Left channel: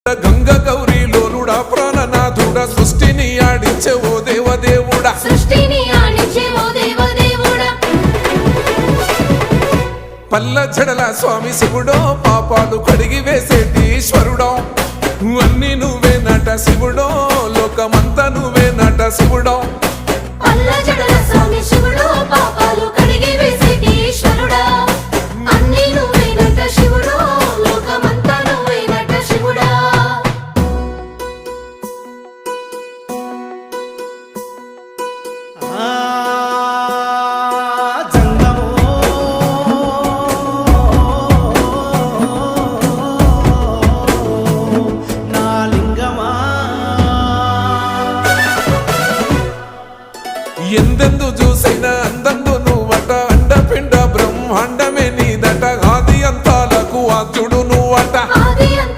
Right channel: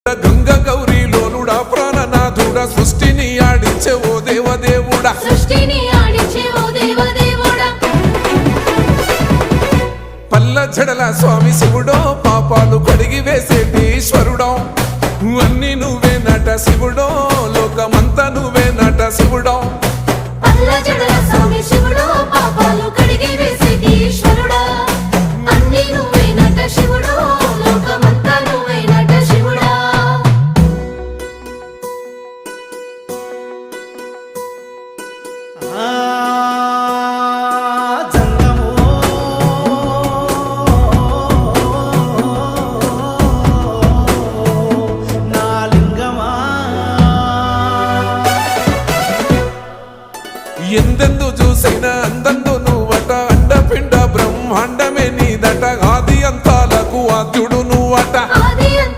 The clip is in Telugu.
గంగ గౌరీ లోలుడా ప్రాణనాథుడా సృష్టిని ఆడించే ఓ దేవదేవుడా పల్ల జడల స్వామి శివుడో పాపాలు కడిగి వేసేటి ఈశ్వరుడో అన్ని నువ్వే నట శివుడో లోకమంతా నువ్వే నట శివుడో ఎందెందు చూసిన అందందు నువ్వట అండపిండ బ్రహ్మాండమే నీదట ఆది అంతాలకు ఆద్యుడు నువ్వట